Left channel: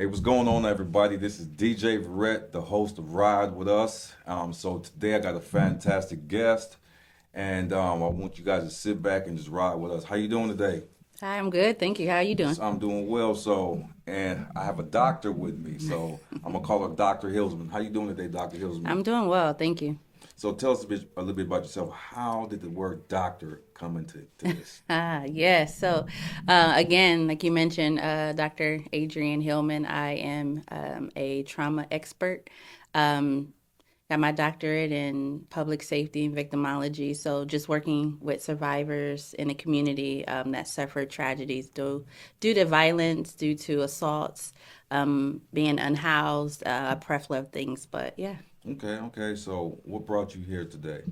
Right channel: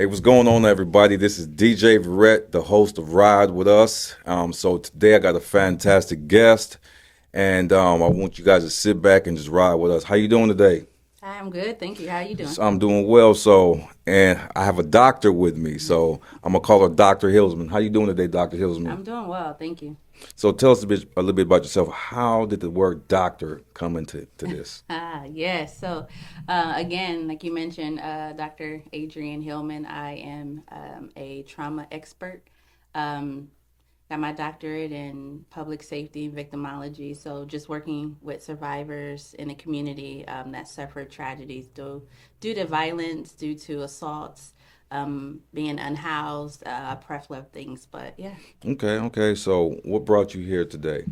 Hey, what's going on, everybody? This is DJ Verrett, the host of Ride With Us. So today I got a fantastic guest, and I want you guys to sit back and just ride with us. How you doing today? Hi, I'm good. Thank you. How are you doing? I'm doing well. And I have a doctor with me, so I'm gonna call her Dr. Hillsman. How you doing today, Dr. Hillsman? I'm doing well. Thank you. So tell us a little bit about yourself. How did the word doctor come into this? Yes. Again, like you mentioned, Dr. Adrienne Hillman, I am a trauma expert. Um, got my doctorate in public safety and victimology. So, just working with survivors in the community that suffered tragedies due to violence, due to assaults, being unhoused, a plethora of things. But yeah. Okay. So what brought you here today?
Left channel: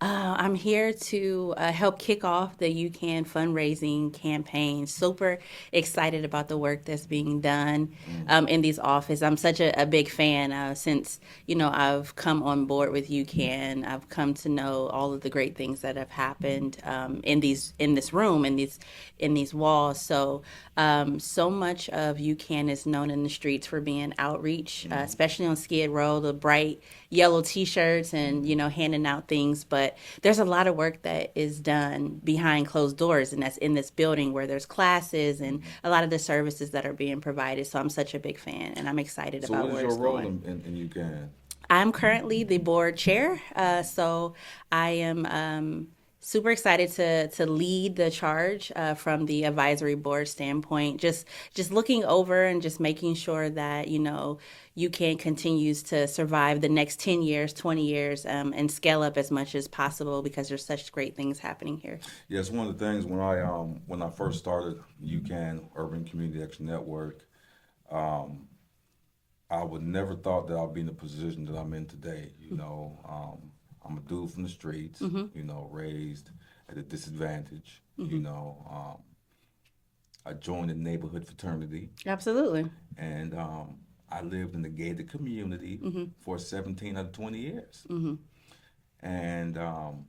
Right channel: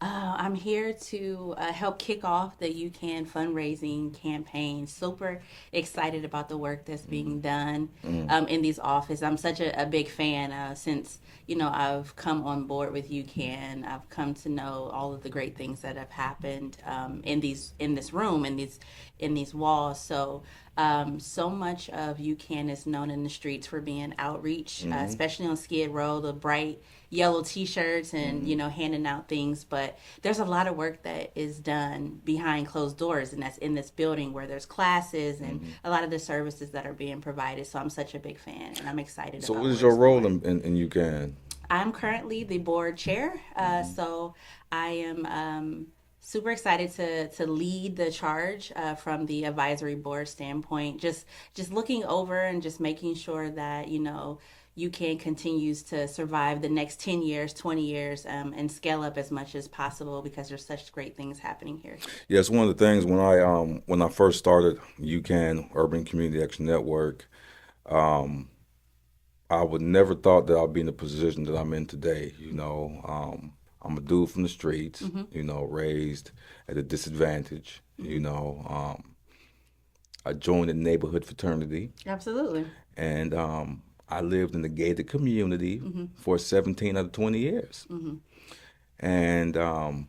I'm here to help kick off the UCAN fundraising campaign. Super excited about the work that's being done Mm. in these offices. I'm such a big fan since I've come on board with UCAN. I've come to know all of the great things that have happened in this room in these walls. So much of UCAN is known in the streets for being outreach, Hmm. especially on Skid Row, the bright yellow T-shirts and Hmm. handing out things. But there's a lot of work that is done behind closed doors, and that's in this building where there's classes and Hmm. a lot of the services that are being provided. So I'm such a big fan, and I'm excited So what about is where your it's role going. in UCAN? I'm currently the board chair, Hmm. so I am super excited to lead the charge from the advisory board standpoint. Just looking over and just making sure that UCAN continues to survive the next 10 years, 20 years, and scale up as much as possible because there's such great things happening here. Yes, one of the things when I first started UCAN Urban Community Action Network, um, I would never thought that I'd be in the position that I'm in today. I'm a dude from the streets. Mm-hmm. Raised at a disadvantage. Mm-hmm. I joined a neighborhood fraternity, Absolutely. and I lived in the gated community Mm-hmm. for 17 out of 20 years. Mm-hmm. And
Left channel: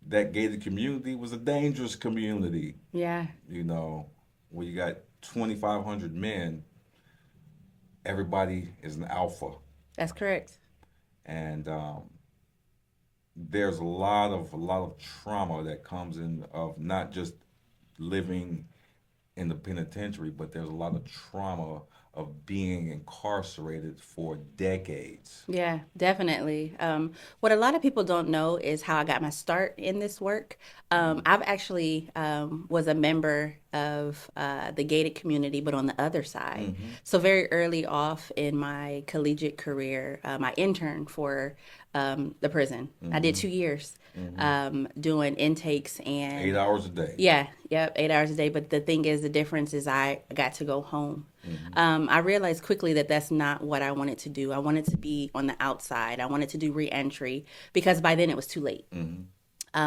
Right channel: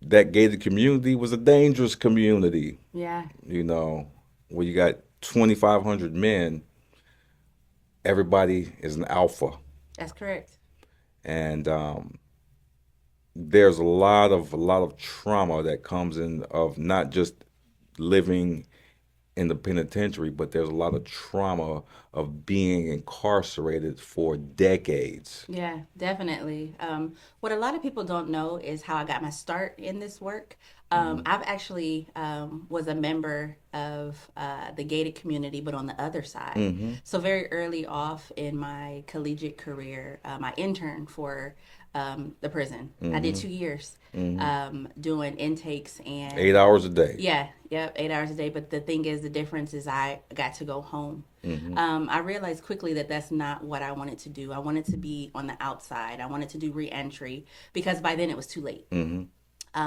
that gated community was a dangerous community, Yeah, you know, where you got 2,500 men, everybody is an alpha. that's correct. And there's a lot of trauma that comes in of not just living in the penitentiary, but there's a lot of trauma of being incarcerated for decades. Yeah, definitely. What a lot of people don't know is how I got my start in this work. Mm-hmm. I've actually was a member of the gated community, but on the other side. Mm-hmm. So very early off in my collegiate career, I interned for the prison. I did Mm-hmm. 2 years Mm-hmm. doing intakes Eight and hours a day. yeah, yep, 8 hours a day. But the thing is, the difference is I got to go home. Mm-hmm. I realized quickly that that's not what I wanted to do. I wanted to be on the outside. I wanted to do reentry because by then it was too late. Mm-hmm.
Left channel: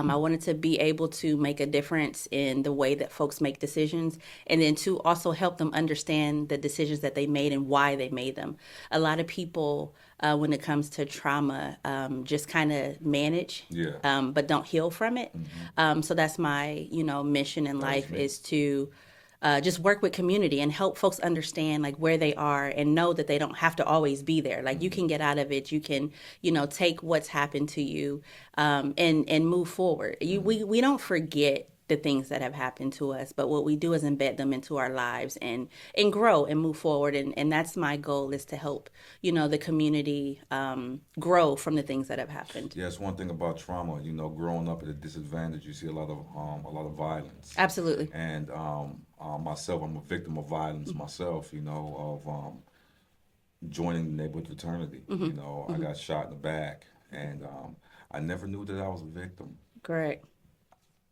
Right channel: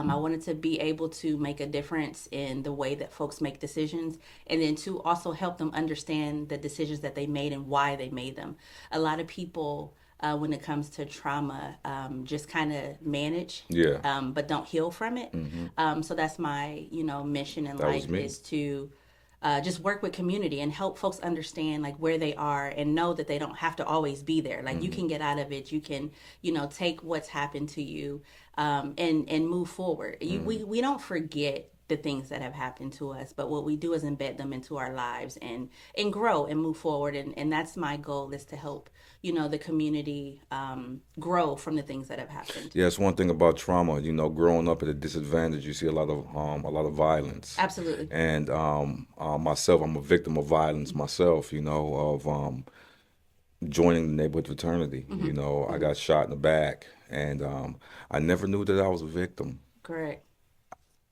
I wanted to be able to make a difference in the way that folks make decisions and then to also help them understand the decisions that they made and why they made them. A lot of people, when it comes to trauma, just kind of manage, Yeah. but don't heal from it. Mm-hmm. So that's my, mission in That was life me. is to just work with community and help folks understand like where they are and know that they don't have to always be there. Like you Mm-hmm. can get out of it. You can, take what's happened to you and move forward. Mm-hmm. We don't forget the things that have happened to us, but what we do is embed them into our lives and grow and move forward. And that's my goal is to help the community grow from the things that have happened. Yeah, it's one thing about trauma. Growing up at a disadvantage, you see a lot of violence. Absolutely. And myself, I'm a victim of violence myself. Of joining the neighborhood fraternity. Mm-hmm. I Mm-hmm. got shot in the back, and I never knew that I was a victim. Correct.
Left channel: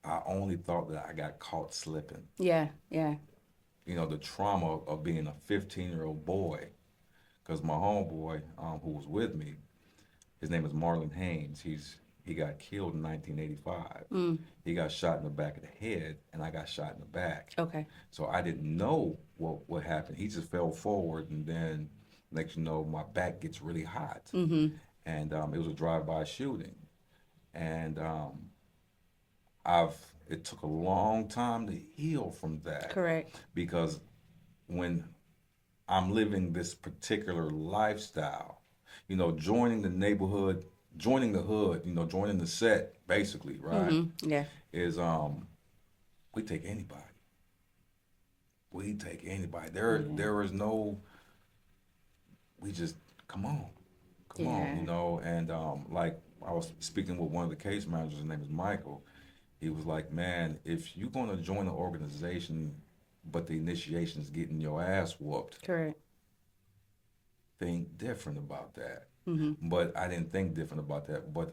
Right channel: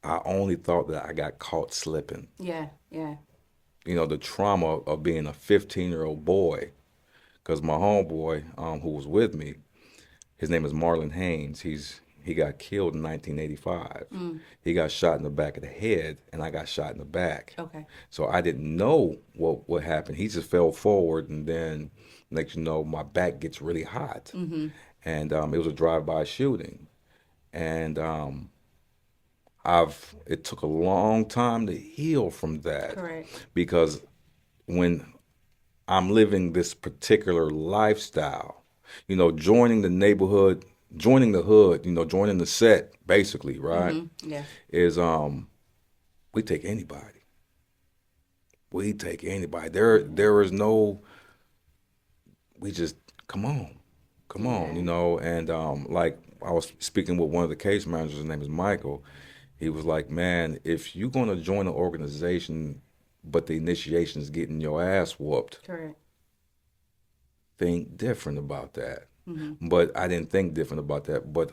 I only thought that I got caught slipping. Yeah. Yeah. The trauma of being a 15-year-old boy, because my homeboy, who was with me, his name is Marlon Haynes. He got killed in 1985. Mm. He got shot in the back of the head, and I got shot in the back. Okay. So I didn't know what happened. He just fell forward, and then next you know, my back gets really hot, Mm-hmm. and it was a drive-by shooting, and it took a long time to heal from that Correct. because when I'm living this particular lifestyle. Joining the neighborhood, joining the hood, joining the set, basically, right? Yeah. Is we take anybody. We take anybody. There is no. We just come on, come on, Yeah. and like I was speaking with one of the case managers. His name is Michael. He was like, man, if you're gonna join an organization, but the initiation is getting your ass whooped, Correct. think different about that. Mm-hmm. But I didn't think different about that. But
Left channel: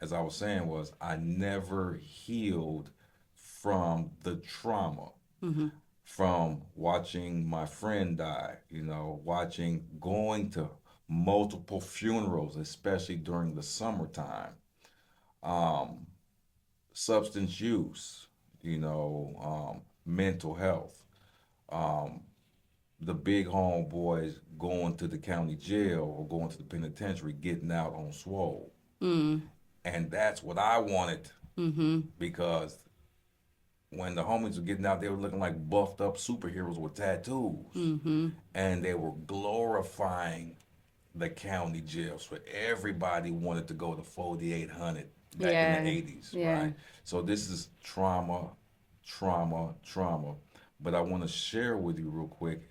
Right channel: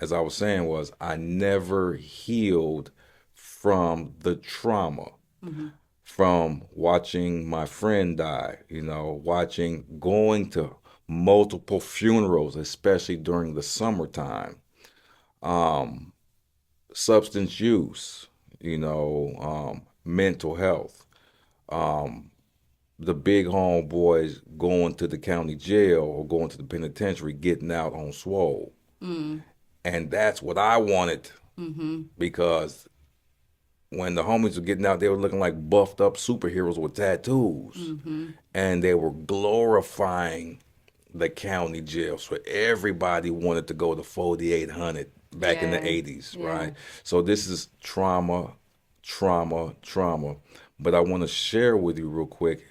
as I was saying, was I never healed from the trauma Mm-hmm. from watching my friend die. Watching going to multiple funerals, especially during the summertime. Um, Substance use. Mental health. Um, the big homeboys going to the county jail or going to the penitentiary, getting out on swole. Mm. And that's what I wanted Mm-hmm. because when the homies were getting out, they were looking like buffed up superheroes with tattoos. Mm-hmm. And they were glorifying the county jail. So everybody wanted to go to 4,800 back in the Yeah. 80s, Yeah. right? So this is trauma, trauma, trauma. But I want to share with you real quick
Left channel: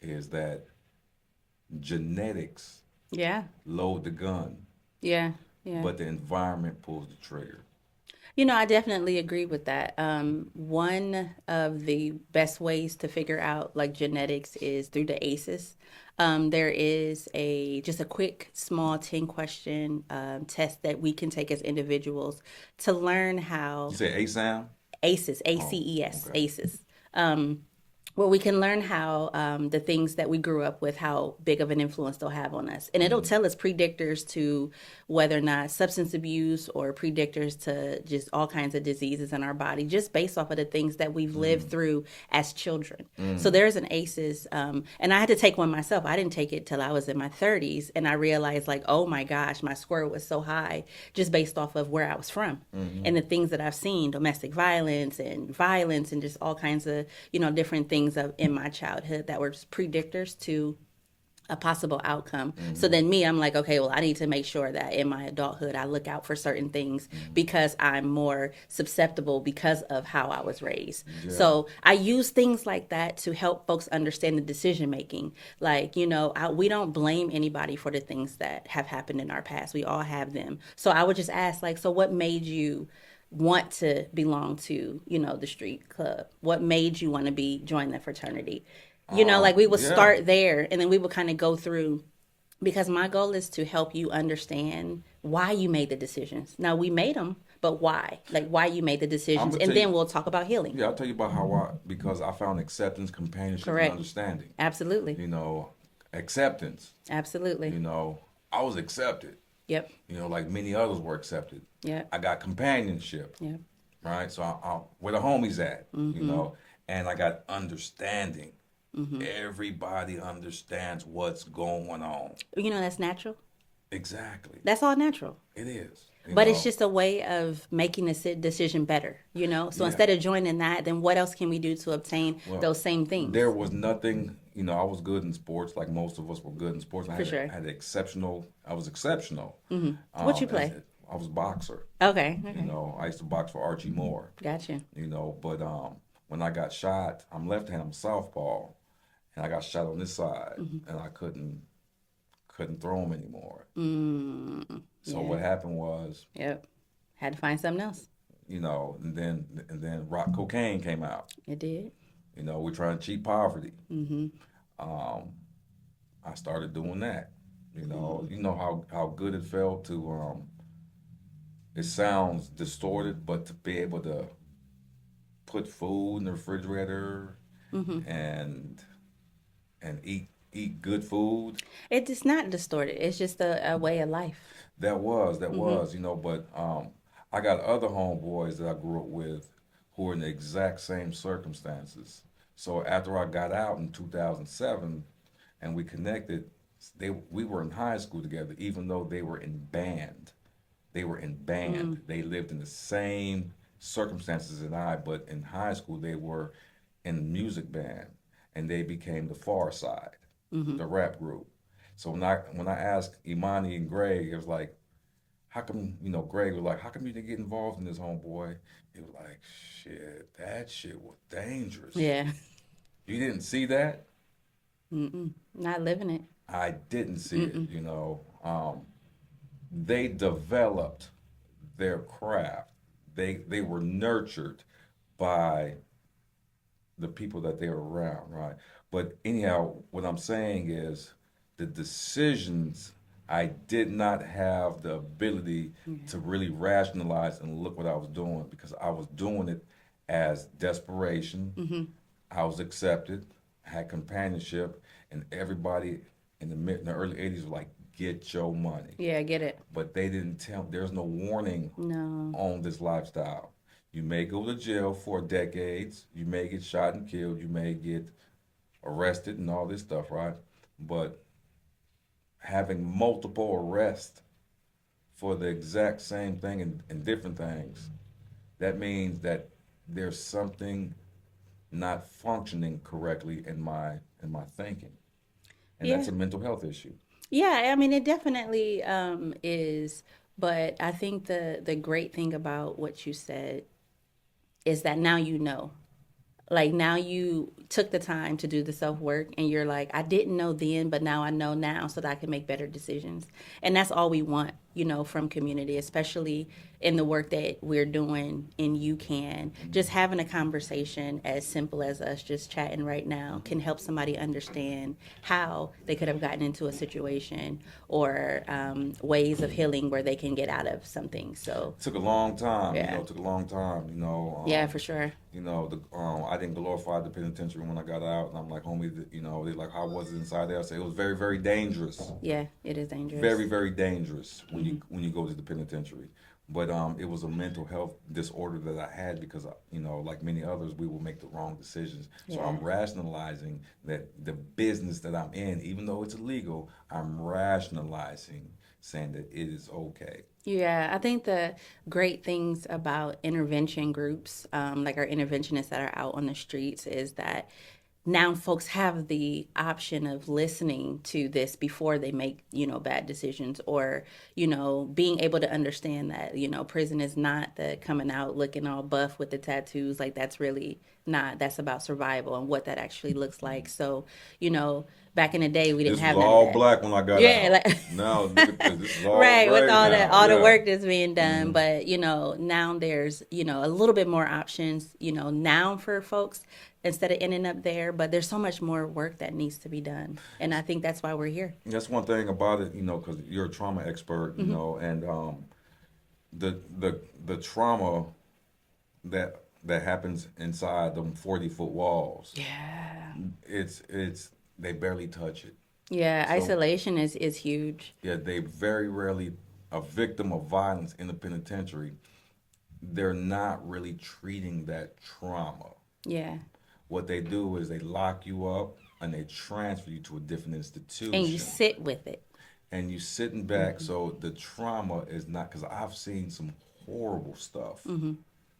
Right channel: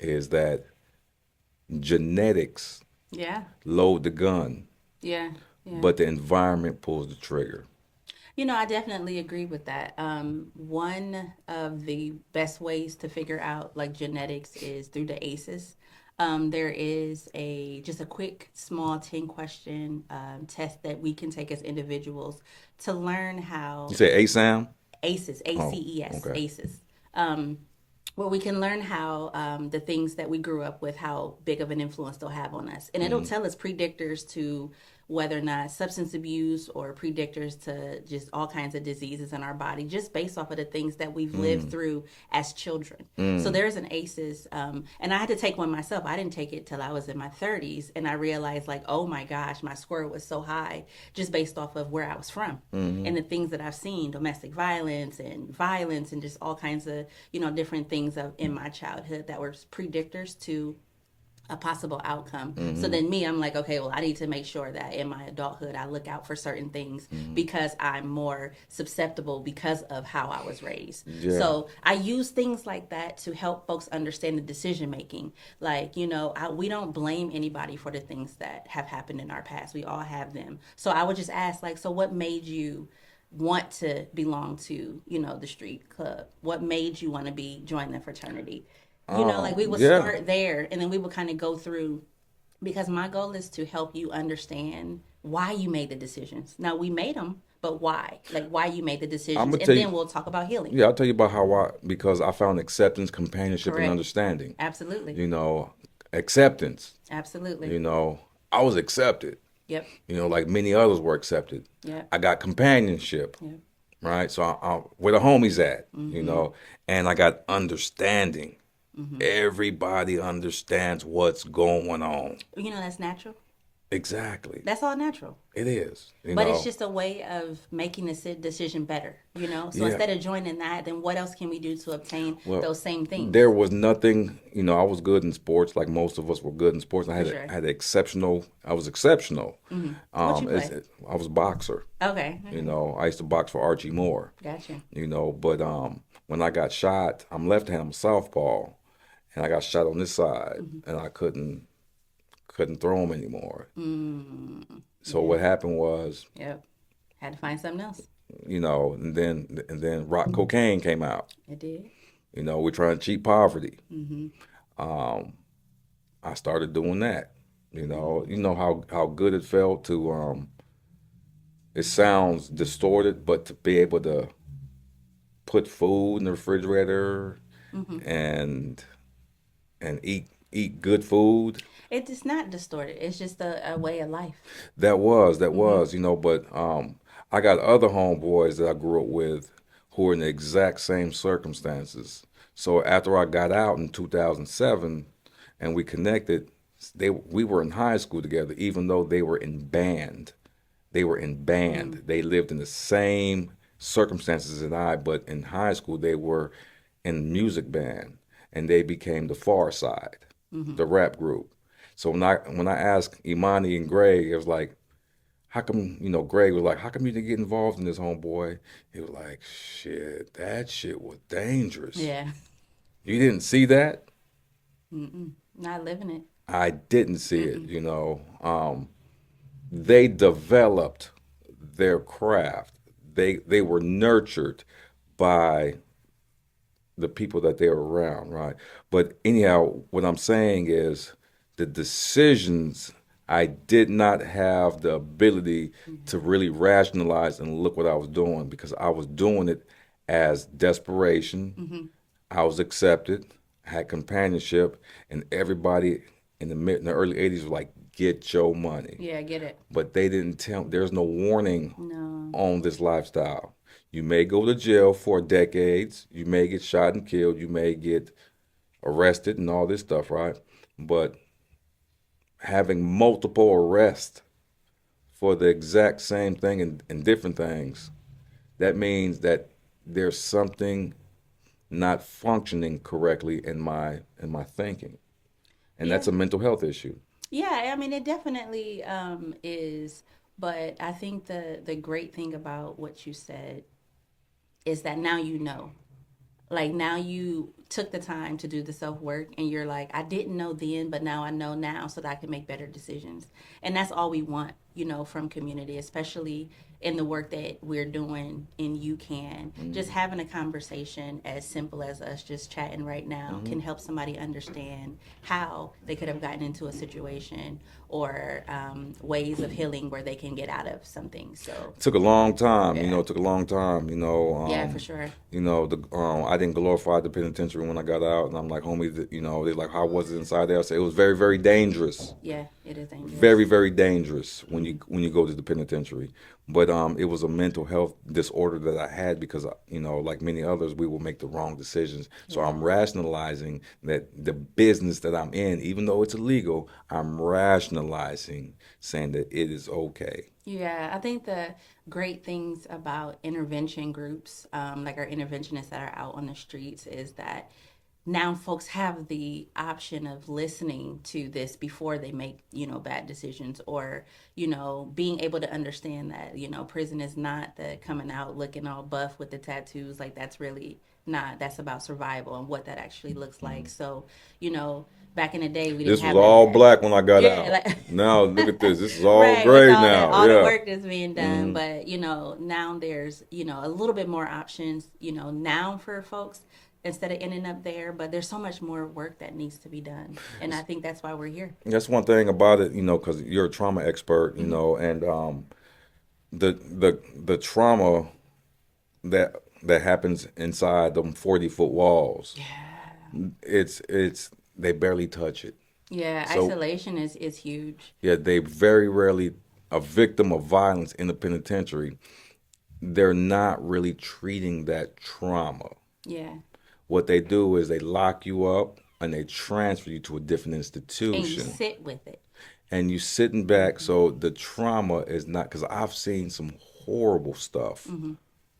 is that genetics Yeah. load the gun, Yeah. Yeah. but the environment pulls the trigger. I definitely agree with that. One of the best ways to figure out like genetics is through the ACEs. There is just a quick, small 10 question test that we can take as individuals to learn You how say ASAM? ACEs, Oh, ACES, okay. ACEs. Where we can learn how the things that we grew up with, how big of an influence they'll have on us. And it'll Mm-hmm. tell us predictors to whether or not substance abuse or predictors to just all kinds of diseases in our body, just based off of the things that we've lived through as children. So Mm-hmm. there's an ACEs, and I had to take one myself. I didn't take it till I was in my 30s, and I realized like, oh my gosh, my score was so high just based off of where I was from Mm-hmm. and the things that I've seen, domestic violence and just all kinds of, different things in my childhood that were predictors to a possible outcome. So Mm-hmm. then me, I'm like, okay, well, I need to make sure that in my adulthood, I look out for certain things Mm-hmm. because I'm more susceptible because of how I was raised. Yeah. So I use things like that to help folks understand the decision making. Like, we don't blame anybody for the things that have happened in our past. We all have them. So I would just ask, like, so what made you want to belong to, the street club? What made you want to join the fraternity? Like we would Yeah. start there and then we would kind of go through because my goal is to help you understand why you made the decisions. Now we made them, but why? Like why you made the I'm decisions, gonna and tell you. then we'll talk about healing. Yeah, I'll tell you about how because I found acceptance, companionship, and Correct. understanding. Absolutely. You know, Acceptance. Absolutely. I was accepted. Yep. Like many others were accepted. Yep. I got companionship. Yep. Right. So where the homies at? Mm-hmm. And I got understanding. Mm-hmm. Everybody understands what's going on. That's natural. Exactly. That's all natural. It is. But it's just a way of making the decision better, So Yeah. instead of joining that, then what else can we do to obtain Well, those same things? there was nothing. I was good in sports, like most of us were good in sports. For sure. Had exceptional. I was exceptional. Mm-hmm. What you play? I was a boxer. Okay. Okay. I used to box for Archie Moore. Gotcha. But when I got shot, I'm left-handed, I'm southpaw, and I got shot on this side, Mm-hmm. and I couldn't throw him anymore. Mm, So yeah. what happened was, Yep. Had to find something else. and then rock cocaine came out. It did. We're trying to cheat poverty. Mm-hmm. Um, I started doing that. Mm-hmm. You know how good it felt to. It sounds distorted, but to be able to put food in the refrigerator Mm-hmm. and eat good food. It's not distorted. It's just a way of life. That Mm-hmm. was, but I got other homeboys that I grew up with who were in the exact same circumstances. So after I got out in 2007 and we connected, we were in high school together, even though they were in band. They were in Mm-hmm. band. They lived in the same circumstances as I, but in high school they were in music band and they became the Far Side. the rap group. So when I asked Imani and Greg, it was like, how come, Greg was like, how come you didn't get involved in this, homeboy? He was like, shit, that shit was dangerous. Yeah. You didn't see that? Mm-mm. Not living it. I didn't see it, Mm-mm. They developed their craft. They were nurtured by the people that they were around, right? But anyhow, what I'm saying is the decisions, I did not have the ability Yeah. to really rationalize and look what I was doing because I was doing it as desperation. Mm-hmm. I was accepted, had companionship, and everybody in the early '80s was like, "Get your money." Yeah, I get it. But they didn't tell. There's no warning No. on this lifestyle. You may go to jail for decades. You may get shot and killed. You may get arrested and all this stuff, right? But having multiple arrests for the exact same thing and different things, that means that there's something not functioning correctly in my thinking, and Yeah. that's a mental health issue. Yeah, I mean it definitely is, but I think the great thing about what you said is that now you know. Like now you took the time to do the self work and you're like, I didn't know then, but now I know now so that I can make better decisions. And that's all we want, from community, especially in the work that we're doing in UCAN. Just Mm-hmm. having a conversation as simple as us just chatting right now Mm-hmm. can help somebody understand how they could have gotten into a situation or ways of healing where they can get out of something. So, Took a long time, yeah. it took a long time, Yeah, for sure. I didn't glorify the penitentiary when I got out, and I'm like, homie, they're like, how was it inside there? I said it was very, very dangerous, Yeah, it is very, dangerous. very dangerous when Mm-hmm. you go to the penitentiary. But it was a mental health disorder that I had because like many others, we will make the wrong decisions. So Yeah. I'm rationalizing that the business that I'm in, even though it's illegal, I'm rationalizing saying that it is okay. Yeah, I think the great things about intervention groups, like our interventionists that are out on the streets, is that now folks have the option of listening to this before they make, bad decisions or, being able to understand that, prison is not the coming out looking all buff with the tattoos. Like that's really not, that's about survival and what that actually looks like. So, you know, back in the day, we didn't This was have none of all that. black when I got Yeah, out. like Now look at this. This is all right, with gray now. all the Yeah. work that's being done, Mm-hmm. but now there's a little bit more options now for folks instead of ending up there, but there's so much more work that needs to be done, and I think that's why we're here. That's one thing about it, because you're a trauma expert, Hmm. and the trauma that happens inside them 40-foot walls, Yeah. it's they barely touch it. Yeah, So isolation is huge. yeah, they very rarely a victim of violence in the penitentiary. They're not really treating that trauma. Yeah, What they do is they lock you up and they transfer you to a different and you institution. sit with it. And you sitting back, Hmm. so the trauma is not because I've seen some horrible stuff Hmm.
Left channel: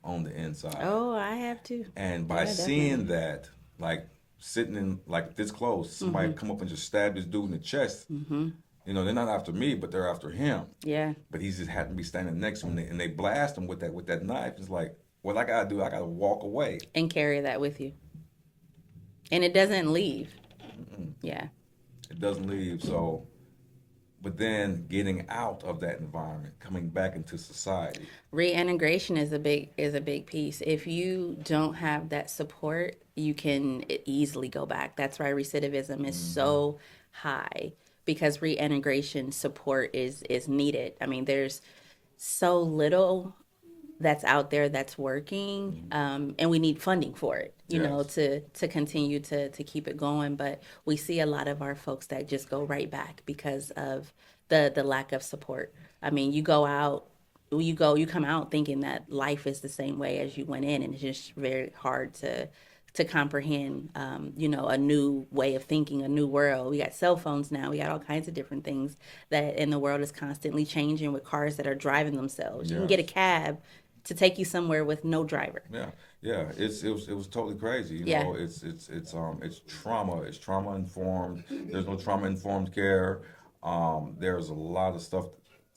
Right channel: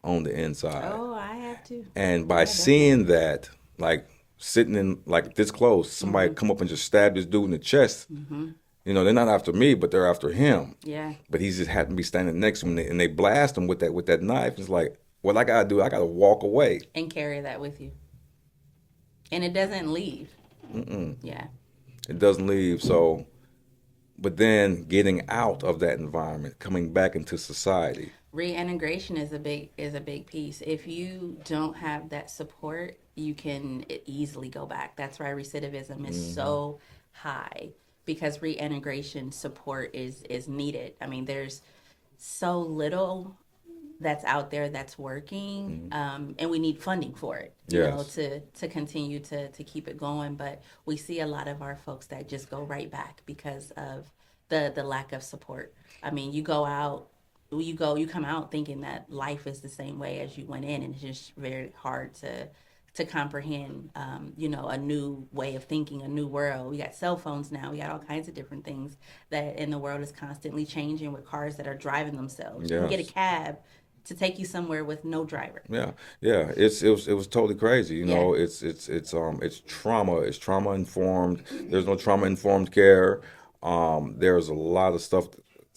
on the inside. Oh, I have to. And by Yeah, seeing definitely. that, like sitting in like this close, somebody Hmm. come up and just stab this dude in the chest. Hmm. They're not after me, but they're after him. Yeah, But he's just happened to be standing next to me, and they blast him with that knife. It's like, what I gotta do? I gotta walk away. and carry that with you, and it doesn't leave. Mm-mm. Yeah. It doesn't leave. So, but then getting out of that environment, coming back into society. Reintegration is a big piece. If you don't have that support, you can easily go back. That's why recidivism is Hmm. so high because reintegration support is needed. I mean, there's so little that's out there that's working, Hmm. and we need funding for it. Yes. To continue to keep it going. But we see a lot of our folks that just go right back because of the lack of support. I mean, you come out thinking that life is the same way as you went in, and it's just very hard to comprehend, a new way of thinking, a new world. We got cell phones now. We got all kinds of different things that in the world is constantly changing with cars that are driving themselves. You can get a Yes. cab to take you somewhere with no driver. Yeah, yeah, it was totally crazy. Yeah. It's trauma. It's trauma informed. There's no trauma informed care. There's a lot of stuff.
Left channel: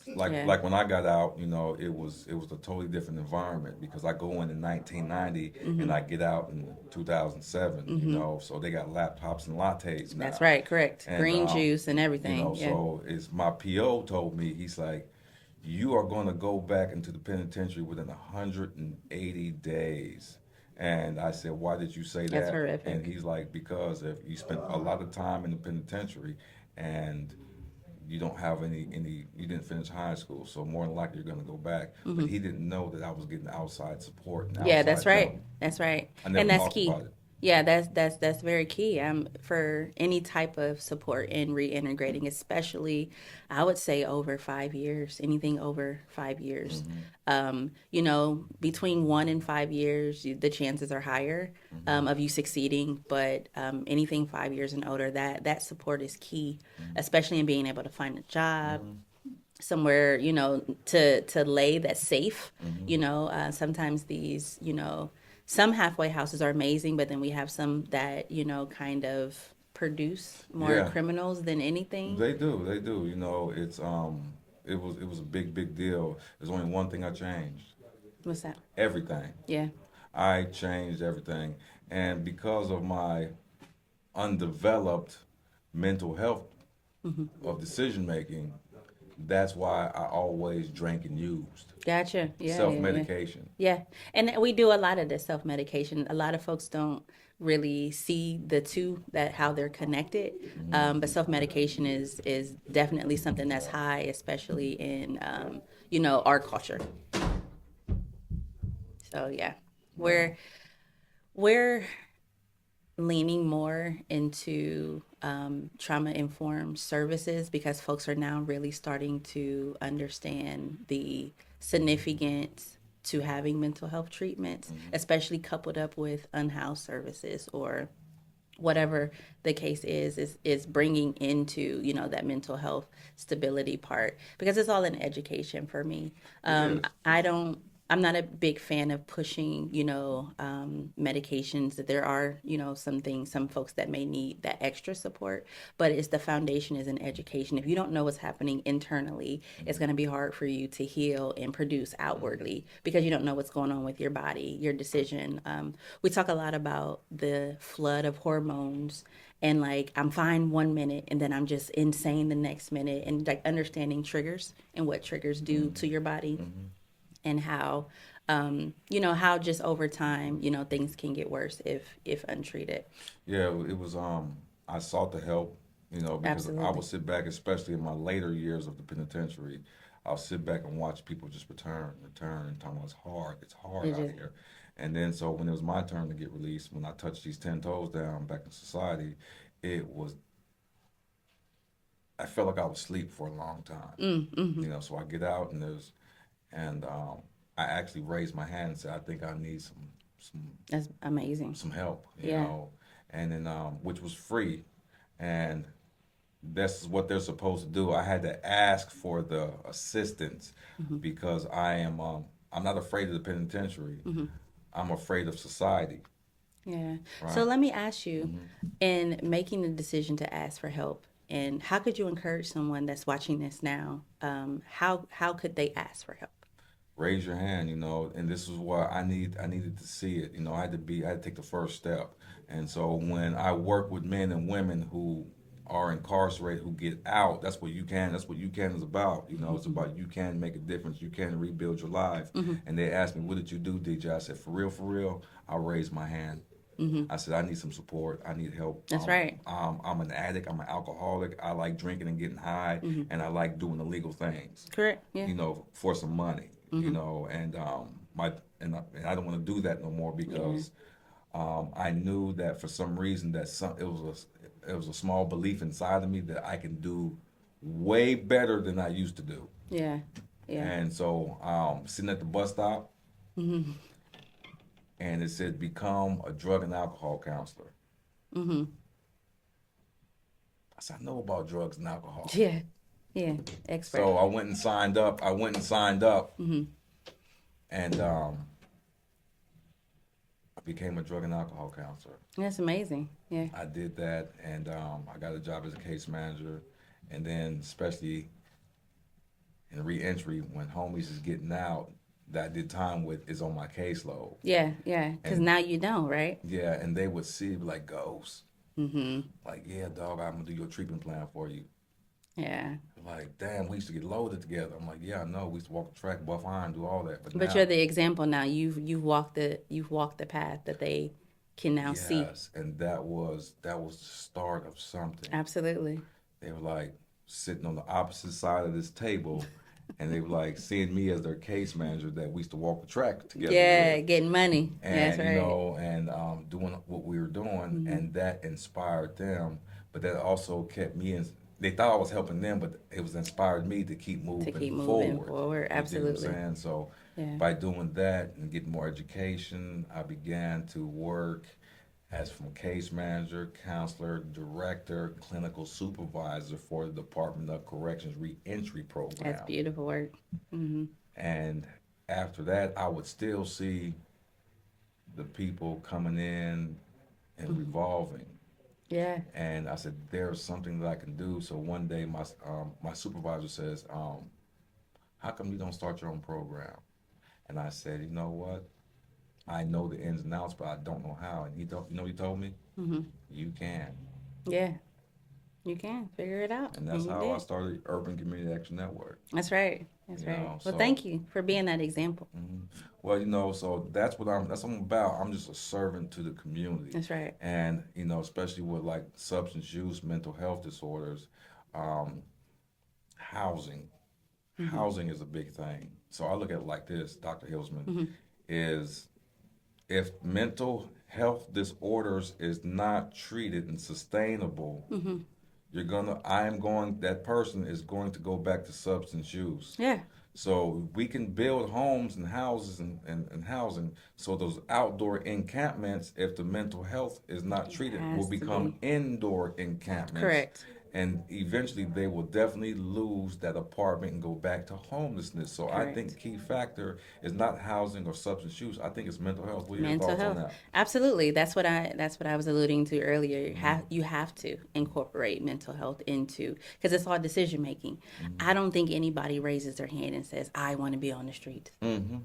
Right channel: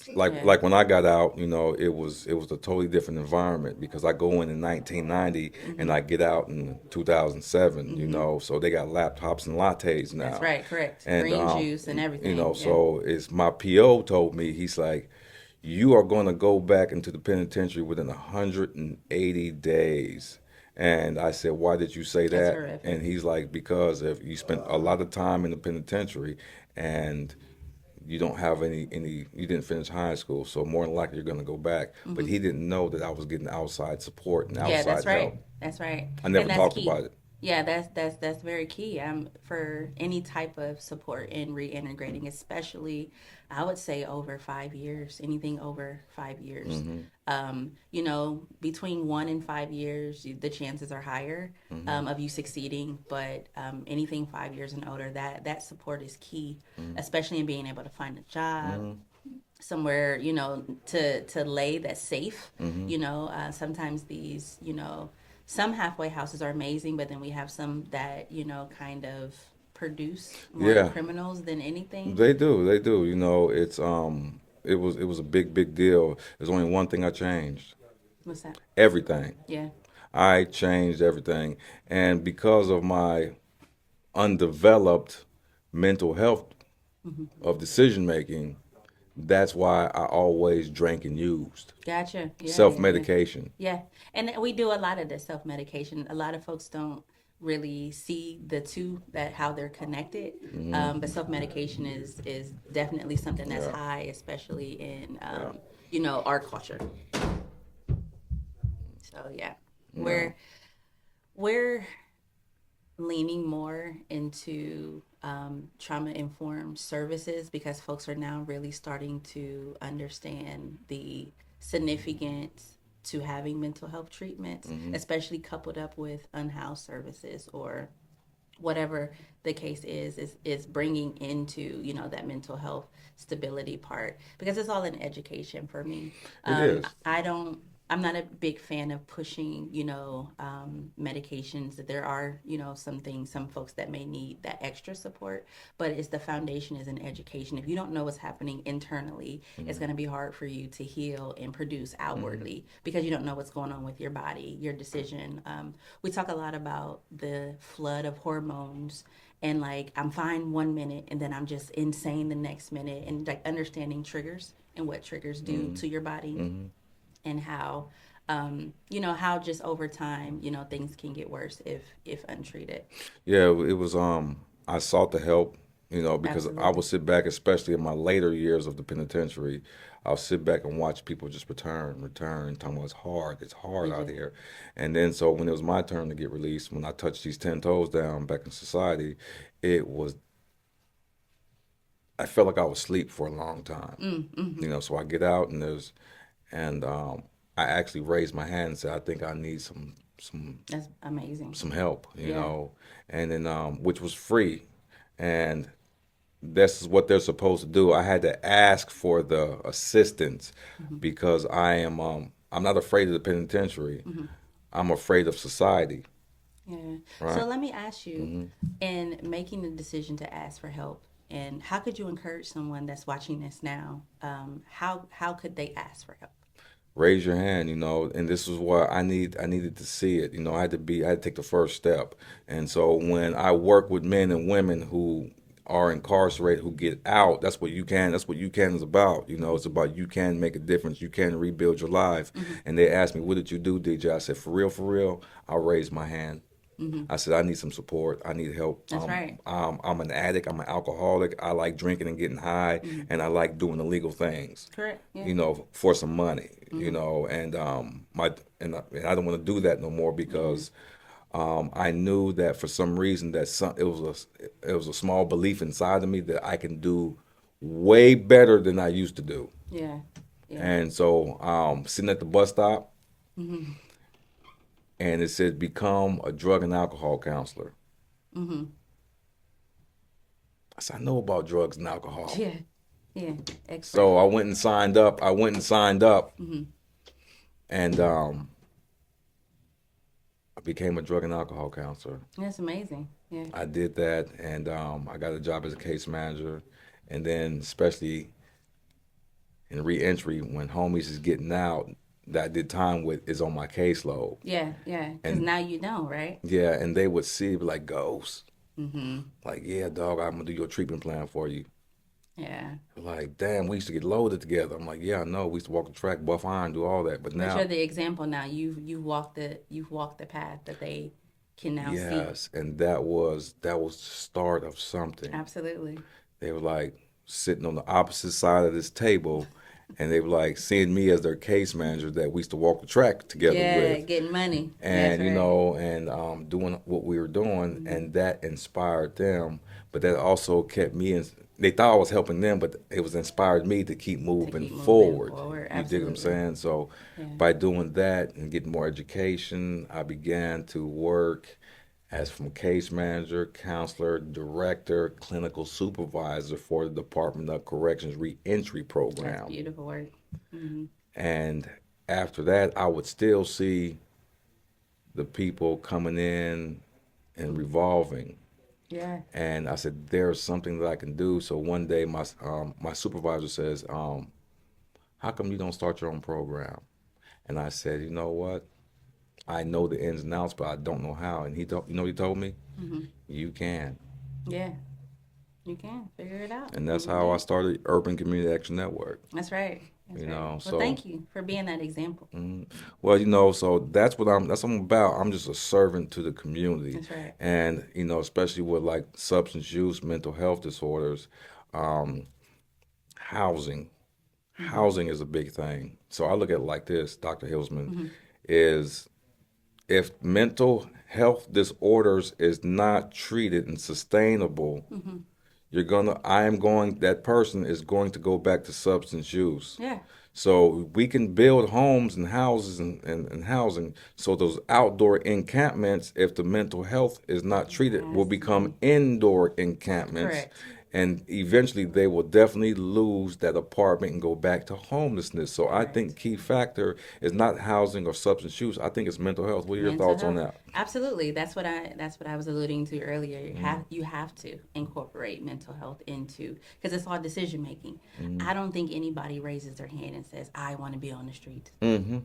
Yeah. Like when I got out, it was a totally different environment because I go in 1990 and I get out in 2007. So they got laptops and lattes That's now. right. Correct. And Green juice and everything. Yeah. so it's my PO told me, he's like, you are going to go back into the penitentiary within 180 days. And I said, why did you say That's that? horrific. And he's like, because if you spent a lot of time in the penitentiary and you don't have you didn't finish high school, so more than likely you're going to go back. But he didn't know that I was getting outside support and Yeah, outside that's right. help. That's right. I never And that's talked key. about it. Yeah, that's very key. For any type of support in reintegrating, especially I would say over 5 years, anything over 5 years. Between 1 and 5 years, the chances are higher of you succeeding. But anything 5 years and older, that support is key, especially in being able to find a job, somewhere to lay that's safe. Sometimes these some halfway houses are amazing, but then we have some that kind of produce more Yeah, criminals than anything. they do. It was a big deal. There's only one thing I changed. What's that? Everything. Yeah. I changed everything. And because of my undeveloped mental health of decision making, that's why I always drank and used. Gotcha. Yeah, Self yeah, yeah. medication. Yeah. And we do a lot of this self medication. A lot of folks don't really see the two, that how they're connected. But self medication is definitely something that's Yeah. high, especially in our culture. So yeah, Yeah. we're leaning more into trauma informed services because folks are now really starting to understand the significance to having mental health treatments, especially coupled up with unhoused services or whatever the case is bringing into that mental health stability part, because it's all in education for me. It is. I don't I'm not a big fan of pushing medications. That there are some folks that may need that extra support, but it's the foundation is in education. If you don't know what's happening internally, it's going to be hard for you to heal and produce outwardly because you don't know what's going on with your body, your decision. We talk a lot about the flood of hormones, and like I'm fine 1 minute and then I'm just insane the next minute, and like understanding triggers and what triggers do to your body, and how how just over time things can get worse if untreated. Yeah, it was I sought the help, because I Absolutely. would sit back, especially in my later years of the penitentiary, I'll sit back and watch people just return, talking about it's hard It out is. here. And then so when it was my turn to get released, when I touched these 10 toes down back in society, it was I felt like I was asleep for a long time. So I get out and I actually raised my hand and said, I think I need some That's amazing. some help, Yeah. and then which was free, and this is what they're supposed to do. I had to ask for the assistance because I'm not afraid of the penitentiary. I'm afraid of society, Yeah. So right? let me ask you, in making the decision to ask for help, and how could you encourage someone that's watching this now? How could they ask for help? Raise your hand, and this is why I needed to see it. I had to take the first step. And so when I work with men and women who are incarcerated who get out, that's what UCAN is about. It's about you can make a difference, you can rebuild your life. And they asked me, what did you do, DJ? I said, for real, I raised my hand. I said, I need some support. I need help. That's right. I'm an addict. I'm an alcoholic. I like drinking and getting high, and I like doing illegal things, Correct. Yeah. for some money, and and I don't want to do that no more because I knew that for some reason that it was a small belief inside of me that I can do way better than I used to do. Yeah. Yeah. And so sitting at the bus stop, and it said become a drug and alcohol counselor. I said, I know about drugs and alcohol. Yeah. Yeah. Expert. So I went and signed up. And I became a drug and alcohol counselor. That's amazing. Yeah. I did that, and I got a job as a case manager, and then especially in reentry, when homies is getting out, that I did time with is on my caseload. Yeah, yeah. Because And now you know, right? yeah, and they would see, be like, Ghost, Mm-hmm. like, yeah, dog, I'm gonna do your treatment plan for you. Yeah. Like, damn, we used to get loaded together. I'm like, yeah, I know. We used to walk the track, buff iron, do all that. But But now, you're the example now. You've walked the path that they can now see. yes, and that was the start of something. Absolutely. They were like sitting on the opposite side of this table, and they were like seeing me as their case manager that we used to walk the track together Yeah, with, getting money. That's and right. and doing what we were doing, and that inspired them. But that also kept me in. They thought I was helping them, but it was inspired me to keep To moving keep moving forward. forward. You dig what I'm Absolutely. saying? So Yeah. by doing that and getting more education, I began to work as from case manager, counselor, director, clinical supervisor for the Department of Corrections Reentry That's Program. beautiful work. Hmm. And after that, I would still see the people coming in and revolving. Yeah. And I said, there's something that I can do. So one day, my supervisor says, how come you don't start your own program? And I said, you know what? I know the ins and outs, but I don't know how. And you know what he told me? Hmm. You can. Yeah. You can figure it out. And that's And you how I did. started Urban Community Action Network. That's right. That's You right. know, Well, so thank you for being that example. well, so that's what I'm about. I'm just a servant to the community, That's right. and especially with like substance use, mental health disorders, um, housing. Hmm. Housing is a big thing. So I look at it like this, Dr. Hilsman, Hmm. is if mental health disorders is not treated and sustainable, Hmm. that person is going to go back to substance use. Yeah. So we can build homes and houses and housing. So those outdoor encampments, if the mental health is not treated, will Has to become be. indoor encampments. Correct. And eventually they will definitely lose that apartment and go back to homelessness. So I think Correct. key factor is not housing or substance use. I think it's mental health. What are your Mental thoughts on health. that? Absolutely. That's what I was alluding to earlier. You have to incorporate mental health into, because it's all decision making. I don't think anybody raises their hand and says, I want to be on the street. Mm-hmm.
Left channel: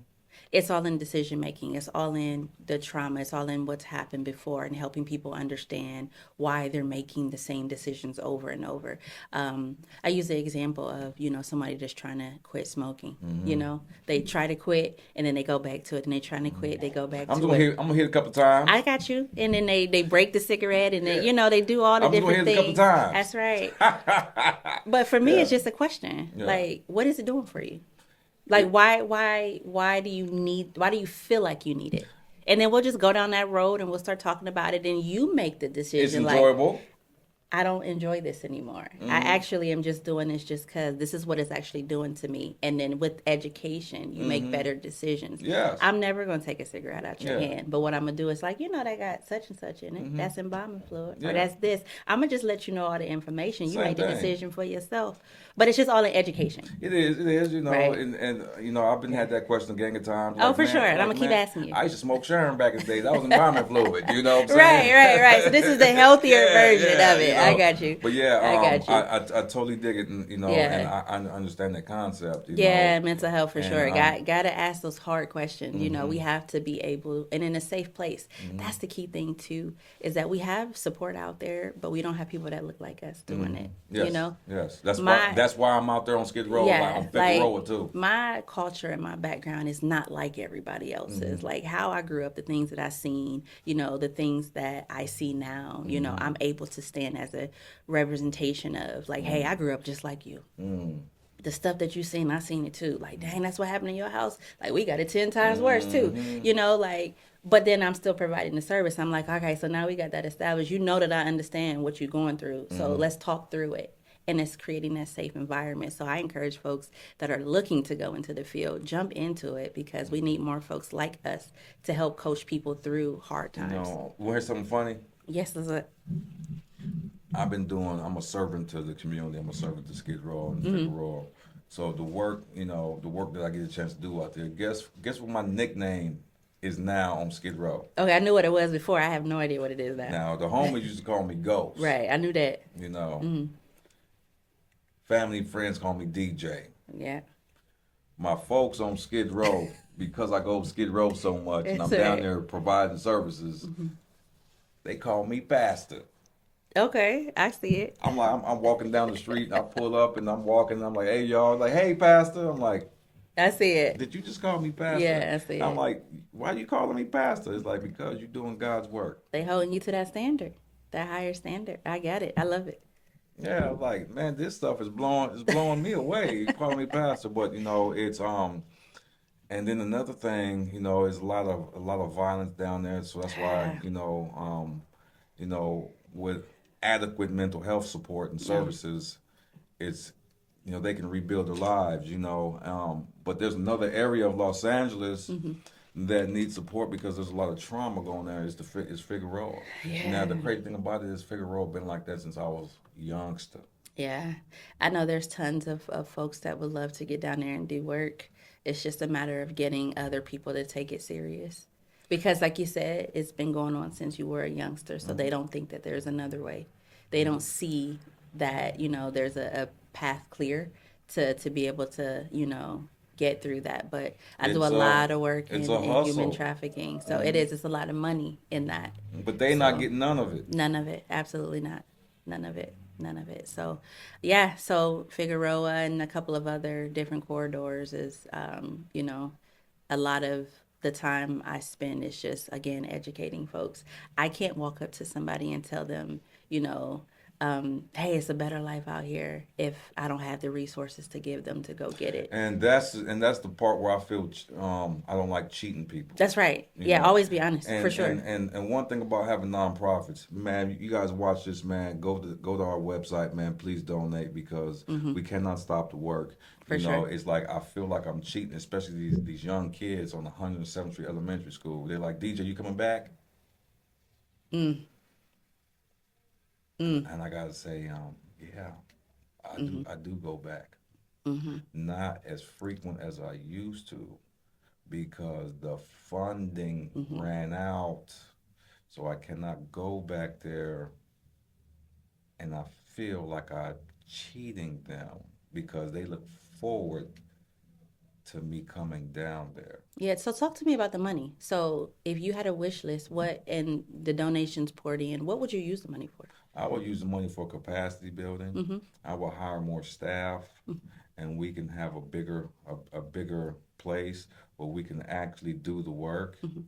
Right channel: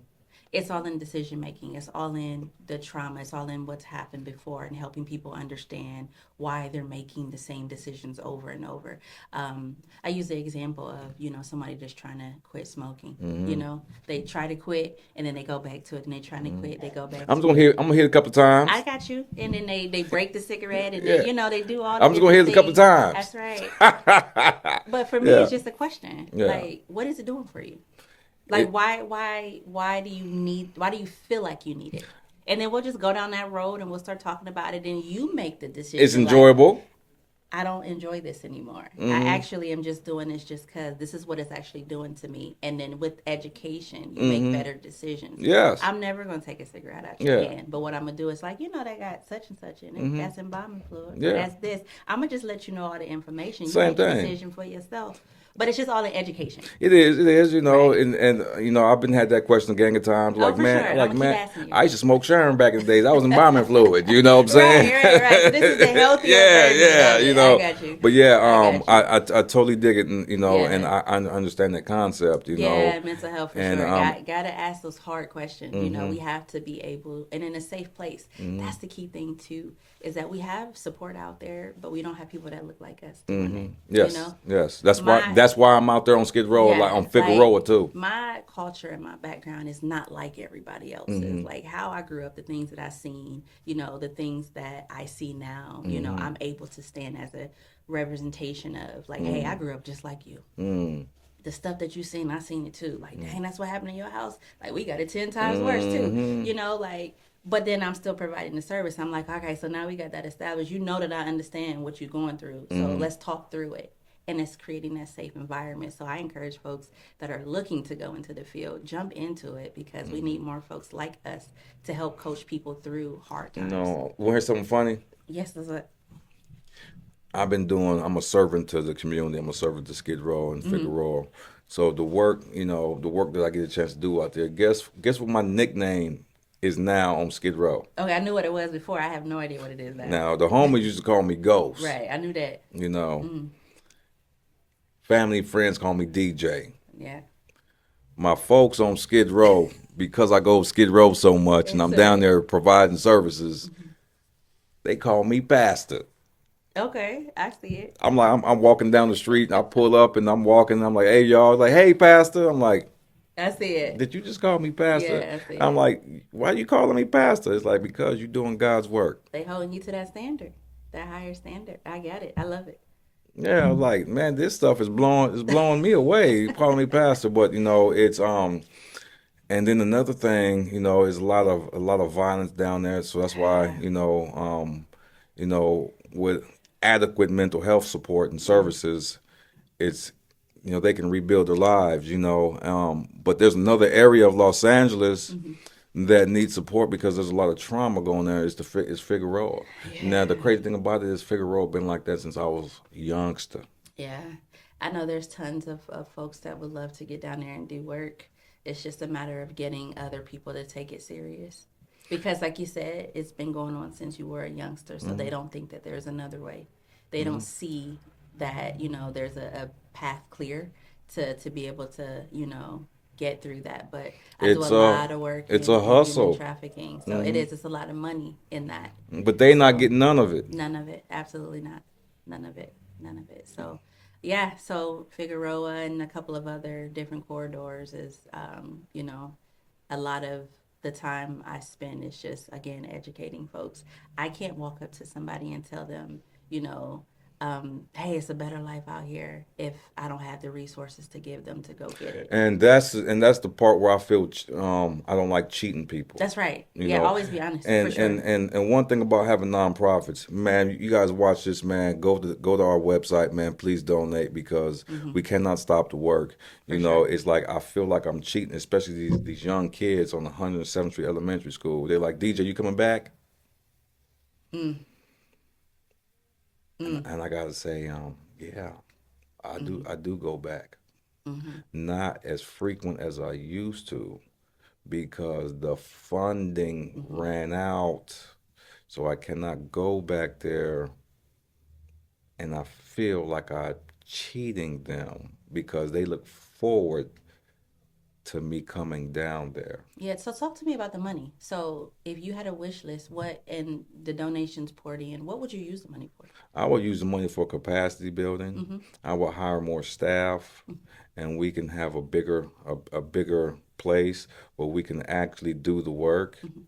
It's all in decision making. It's all in the trauma. It's all in what's happened before and helping people understand why they're making the same decisions over and over. I use the example of, somebody just trying to quit smoking. Mm-hmm. They try to quit and then they go back to it, and they trying to quit, they go back I'm to gonna it. hit a couple I times. got you. And then they break the cigarette, and Yeah. they do all the I'm just gonna different hit it a couple things. times. That's right. But for me, Yeah. it's just a question. Yeah. Like, what is it doing for you? Like, It, why why do you feel like you need it? And then we'll just go down that road and we'll start talking about it, and you make the it's decision. Like, enjoyable. I don't enjoy this anymore. I Mm-hmm. actually am just doing this just because this is what it's actually doing to me. And then with education, you make Mm-hmm. better decisions. Yes. I'm never going to take a cigarette out your Yeah. hand. But what I'm going to do is like, they got such and such in it. Mm-hmm. That's embalming fluid. Or Yeah. that's this. I'm going to just let you know all the information. You Same make the thing. decision for yourself. But it's just all in education. It is, Right. and I've been had that question a gang of times. Oh, Like, for sure. man, I'm going to keep asking you. I used to smoke Sharon back in the days. I was embalming fluid. You know what I'm saying? Right. So this is the healthier version Yeah, of it. I got you. But yeah, I got you. I totally dig it, and and Yeah. I understand that concept. Yeah, mental health for and sure. Gotta ask those hard questions. We have to be able, and in a safe place. That's the key thing too, is that we have support out there, but we don't have people that look like us doing it. yes, yes. That's My- why I'm out there on Skid Row, like on Figueroa too. My culture and my background is not like everybody else's. Like how I grew up, the things that I seen, the things that I see now, I'm able to stand as a representation of like, hey, I grew up just like you. The stuff that you seen, I seen it too. Like, dang, that's what happened in your house. Like, we got it 10 times worse too. But then I'm still providing the service. I'm like, okay, so now we got that established. You know that I understand what you're going through. So let's talk through it. And it's creating that safe environment. So I encourage folks that are looking to go into the field, jump into it, because we need more folks like us to help coach people through hard times. Want to hear something funny? Yes, that's it. I'm a servant to the community. I'm a servant to Skid Row and Figueroa. So the work, the work that I get a chance to do out there. Guess what my nickname is now on Skid Row. Okay, I knew what it was before. I have no idea what it is now. Now the homies used to call me Ghost. Right, I knew that. You know, family friends call me DJ. Yeah. My folks on Skid Row, because I go Skid Row so much and I'm That's down right. there providing services, they call me Pastor. Okay, I see it. I'm walking down the street and I pull up and I'm walking and I'm like, hey y'all, like, hey Pastor. I'm like, I see it. did you just call me Pastor? Yeah, I see I'm it. like, why you calling me Pastor? It's like, because you're doing God's work. They holding you to that standard, that higher standard. I get it. I love it. Yeah, I'm like, man, this stuff is blowing me away. You calling me Pastor, but it's and then another thing, is a lot of violence down there. So that's why, Yeah. with adequate mental health support and Yeah. services, it's they can rebuild their lives. But there's another area of Los Angeles that needs support because there's a lot of trauma going there. It's Figueroa. Now the Yeah. crazy thing about it is Figueroa been like that since I was a youngster. Yeah. I know there's tons of folks that would love to get down there and do work. It's just a matter of getting other people to take it serious. Because, like you said, it's been going on since you were a youngster, so they don't think that there's another way. They don't see that, there's a path clear to be able to, get through that. But I do a It's a lot of work it's in, a in human hustle, trafficking. So it's a lot of money in that. but they not So getting none of it. none of it. Absolutely not. None of it. None of it. So, yeah. So Figueroa and a couple of other different corridors is, a lot of the time I spend is just again educating folks. I can't walk up to somebody and tell them, hey, it's a better life out here if I don't have the resources to give them to go get it. And that's the part where I feel I don't like cheating people. That's right. You Yeah, know, always be honest for and sure. and and and one thing about having nonprofits, man, you guys watch this, man. Go to our website, man. Please donate because we cannot stop the work. For sure. It's like I feel like I'm cheating, especially these young kids on 107th Street Elementary School. They're like, DJ, you coming back? Mm, mm, And I gotta say, yeah, I do go back. mm-hmm. Not as frequent as I used to because the funding Mm-hmm. ran out. So I cannot go back there and I feel like I'm cheating them because they look forward to me coming down there. Yeah, so talk to me about the money. So if you had a wish list, what and the donations poured in, what would you use the money for? I would use the money for capacity building. Mm-hmm. I will hire more staff and we can have a bigger place where we can actually do the work, Mm-hmm.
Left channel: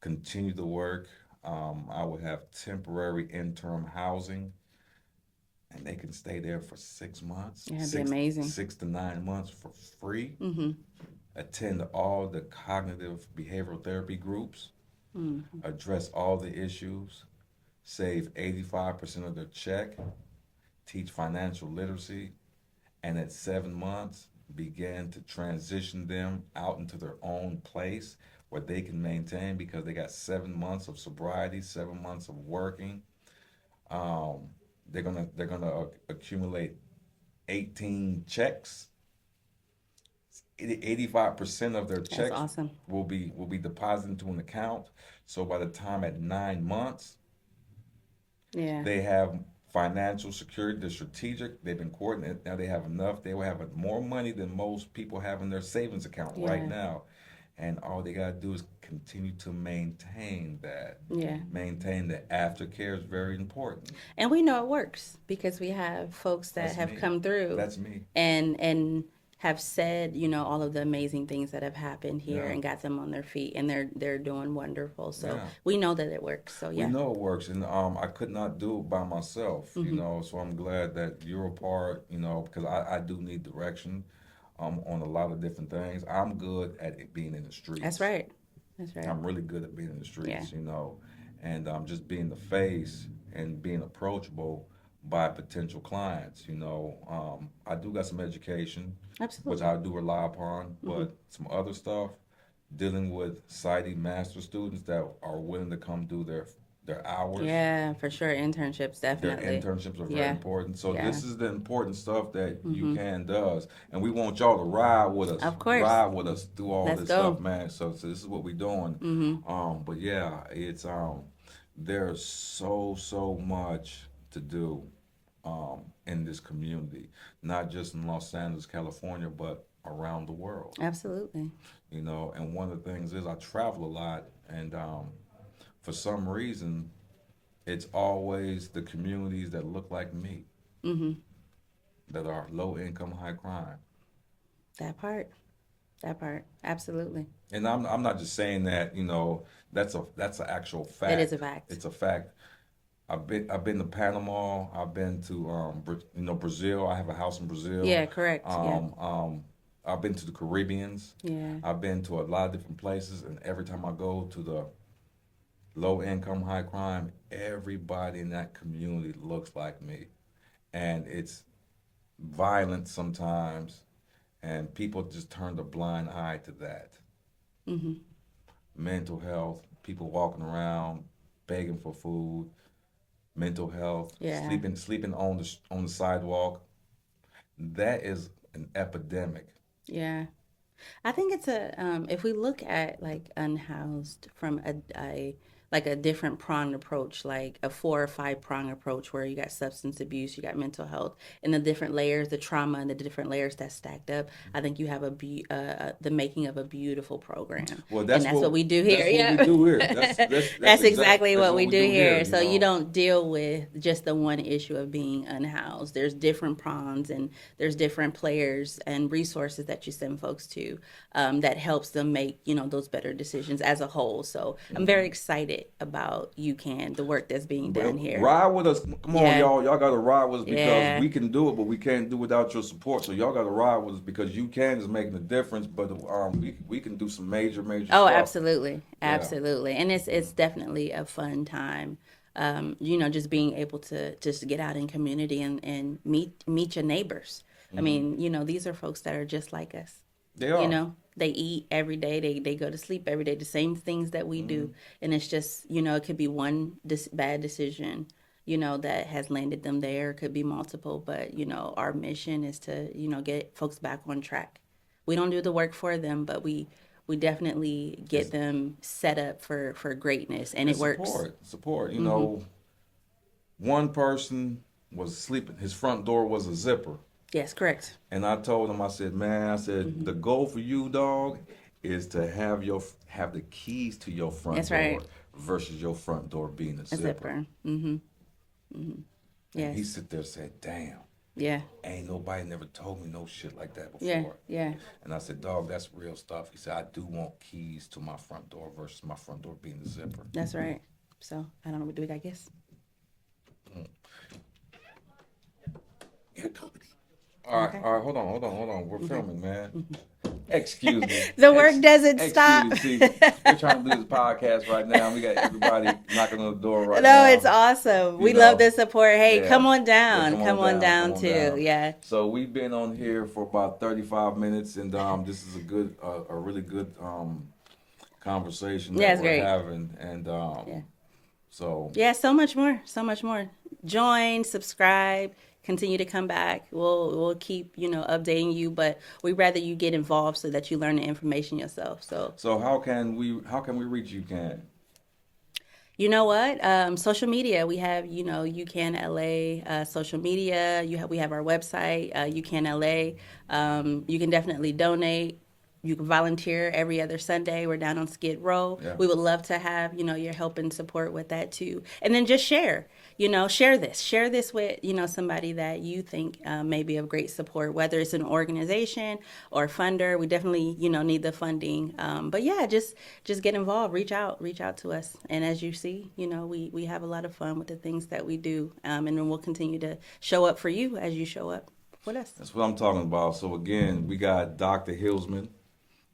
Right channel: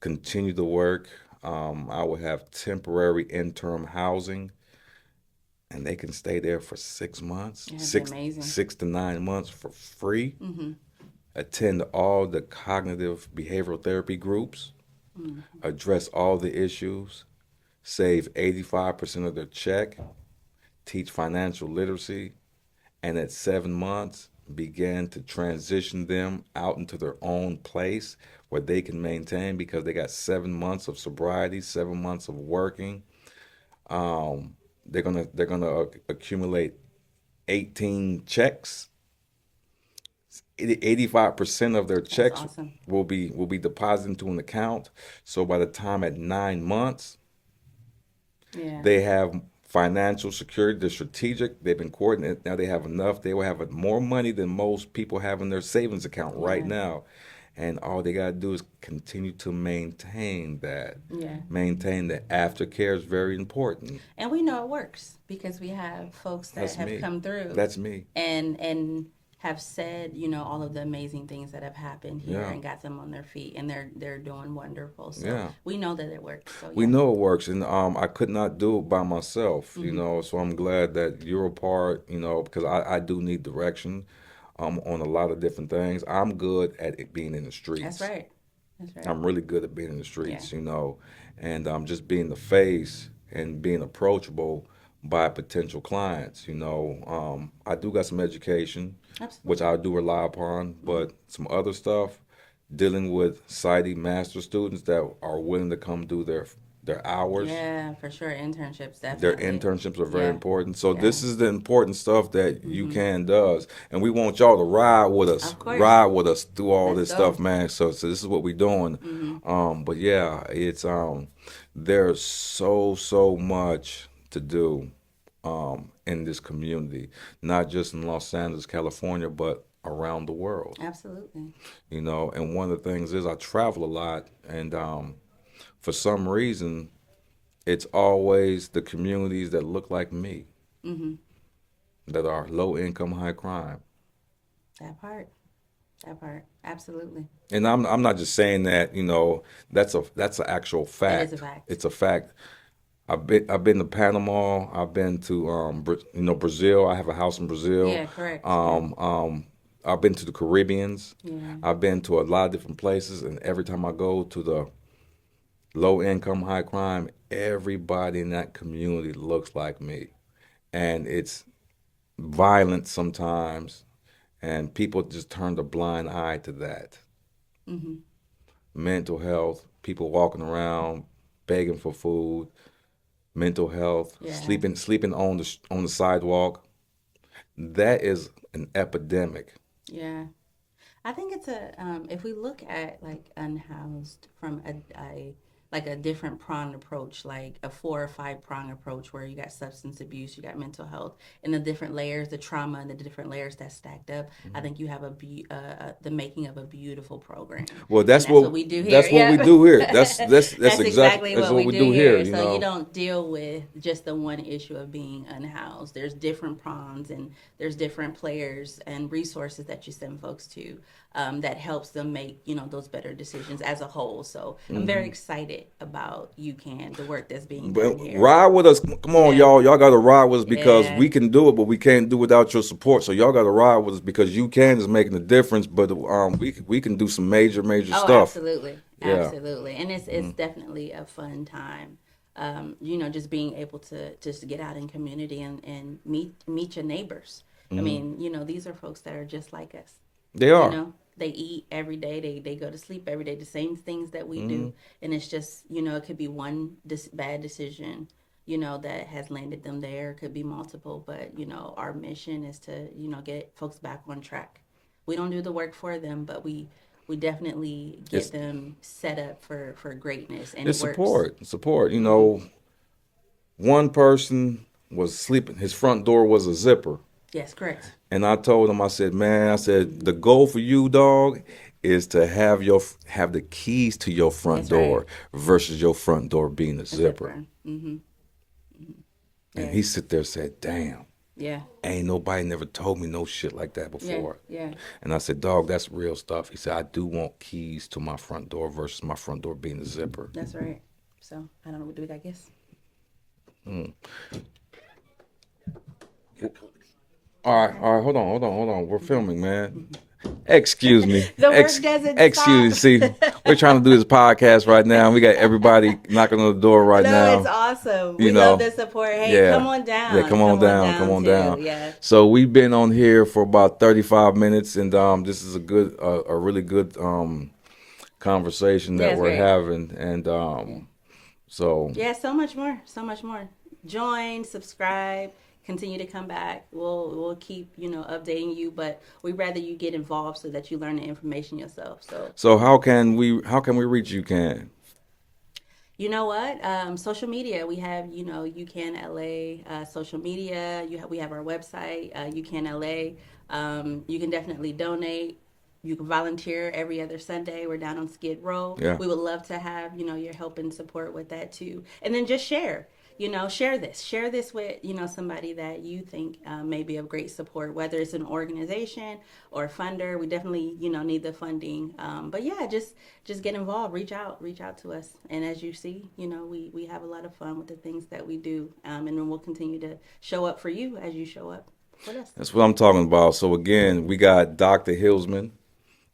continue the work. I will have temporary interim housing and they can stay there for 6 months, Yeah, it'd be six amazing. 6 to 9 months for free. Mm-hmm. Attend all the cognitive behavioral therapy groups, Mm-hmm. address all the issues, save 85% of their check, teach financial literacy, and at 7 months, begin to transition them out into their own place where they can maintain because they got 7 months of sobriety, 7 months of working. Um, they're gonna accumulate 18 checks. 85% of their That's checks awesome. will be deposited into an account. So by the time at 9 months, Yeah. they have financial security. They're strategic. They've been coordinated. Now they have enough. They will have more money than most people have in their savings account right Yeah. now. And all they got to do is continue to maintain that. Yeah. Maintain that aftercare is very important. And we know it works because we have folks that That's have me. come through That's me. and have said, all of the amazing things that have happened here Yeah. and got them on their feet and they're doing wonderful. So Yeah. we know that it works. So We yeah. know it works, and I could not do it by myself, Mm-hmm. So I'm glad that you're a part, because I do need direction, on a lot of different things. I'm good at it being in the That's streets. right. That's right. I'm really good at being in the Yeah. streets, and just being the face and being approachable by potential clients. I do got some education, which Absolutely. I do rely upon, Mm-hmm. but some other stuff dealing with PsyD master students that are willing to come do their hours. Yeah, for sure. Internships, Their definitely. internships are very Yeah. important. So Yeah. this is the important stuff that UCAN does, and we want y'all to Of course. ride with us through all Let's this stuff, go. man. So this is what we're doing. But yeah, it's there's so much to do in this community, not just in Los Angeles, California, but around the world. Absolutely. You know, and one of the things is I travel a lot, and for some reason it's always the communities that look like me that are low income, high crime. That part. That part. Absolutely. And I'm not just saying that, you know, that's an actual It is a fact. fact. It's a fact. I've been to Panama. I've been to Brazil. I have a house in Brazil. Yeah, correct. Yeah. I've been to the Caribbeans. Yeah. I've been to a lot of different places, and every time I go to the low income, high crime, everybody in that community looks like me, and it's violent sometimes, and people just turn a blind eye to that. Mental health, people walking around begging for food, mental health, Yeah. sleeping on the sidewalk. That is an epidemic. Yeah. I think it's a if we look at like unhoused from a like a different prong approach, like a 4 or 5 prong approach, where you got substance abuse, you got mental health, and the different layers, the trauma, and the different layers that stacked up. I think you have the making of a beautiful program, Well, and that's what we do here. that's what we Yeah. do here. That's That's exactly that's what we we do here. here. You So you know. don't deal with just the one issue of being unhoused. There's different prongs and there's different players and resources that you send folks to that helps them make those better decisions as a whole. So I'm very excited about UCAN, the work that's being done But here. ride with us. Come on, Yeah. y'all. Y'all got to ride with us because Yeah. we can do it, but we can't do without your support. So y'all got to ride with us because UCAN is making a difference. But we can do some major Oh, stuff. absolutely, Yeah. absolutely, and it's definitely a fun time. Just being able to just get out in community and meet your neighbors. I mean, these are folks that are just like us. They are. They eat every day. They go to sleep every day. The same things that we do, and it's just it could be one bad decision that has landed them there. It could be multiple, but our mission is to get folks back on track. We don't do the work for them, but we definitely get It's them set up for greatness, and it it's works. support. You know, one person was sleeping. His front door was a zipper. Yes, correct. And I told him, I said, man, I said, the goal for you, dog, is to have the keys to your front That's right. door versus your front door being a A zipper. zipper. And Yeah. he sit there and said, damn, Yeah, ain't nobody never told me no shit like that yeah, before. yeah. And I said, dog, that's real stuff. He said, I do want keys to my front door versus my front door being a zipper. That's right. So I don't know. What do we got? Guess. All right, hold on. We're filming, man. Excuse me. The work doesn't Excuse me. stop. See, we're trying to do this podcast right now. We got everybody knocking on the door right No, now. it's awesome. You We know, love the support. Hey, yeah. come on down. Yeah, come on down. too. Yeah. So we've been on here for about 35 minutes, and this is a really good conversation Yeah, that it's we're great. having, and so Yeah, so much more. So much more. Join, subscribe, continue to come back. We'll keep, updating you, but we'd rather you get involved so that you learn the information yourself. So how can we reach you, Can? you know what? Social media. We have, UCAN LA social media. We have our website, UCAN LA. You can definitely donate. You can volunteer every other Sunday. We're down on Skid Row. Yeah. We would love to have, your help and support with that too. And then just share. Share this with somebody that you think may be of great support, whether it's an organization or a funder. We definitely need the funding, but yeah, just get involved, reach out to us. And as you see, we have a lot of fun with the things that we do, and then we'll continue to show up for you as you show up with us. That's what I'm talking about. So again, we got Dr. Hillsman,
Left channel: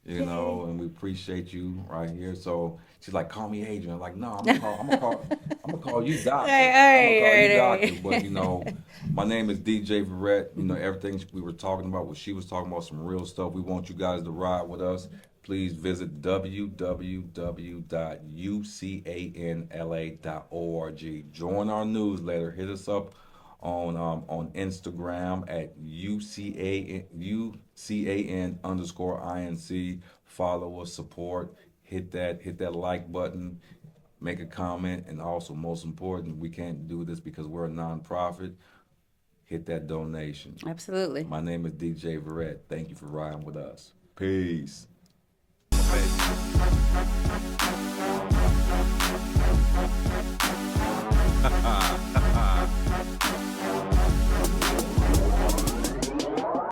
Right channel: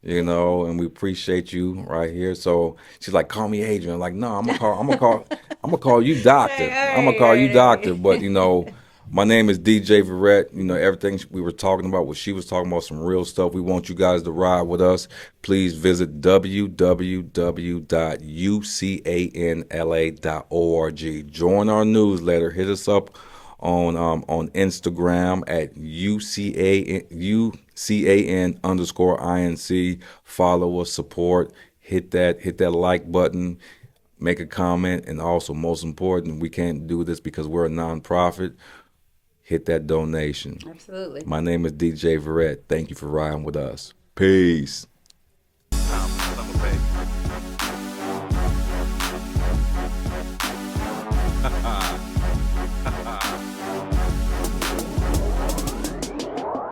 and we appreciate you right here. So she's like, call me Adrian. I'm like, no, I'm gonna call you doctor. Right, I'm gonna call you right, doctor. right. But My name is DJ Verrett. You know, everything we were talking about, what she was talking about, some real stuff. We want you guys to ride with us. Please visit www.ucanla.org. Join our newsletter. Hit us up on Instagram at UCAN_INC. Follow us, support, hit that like button, make a comment, and also most important, we can't do this because we're a nonprofit. Hit that donation. Absolutely. My name is DJ Verrett. Thank you for riding with us. Peace.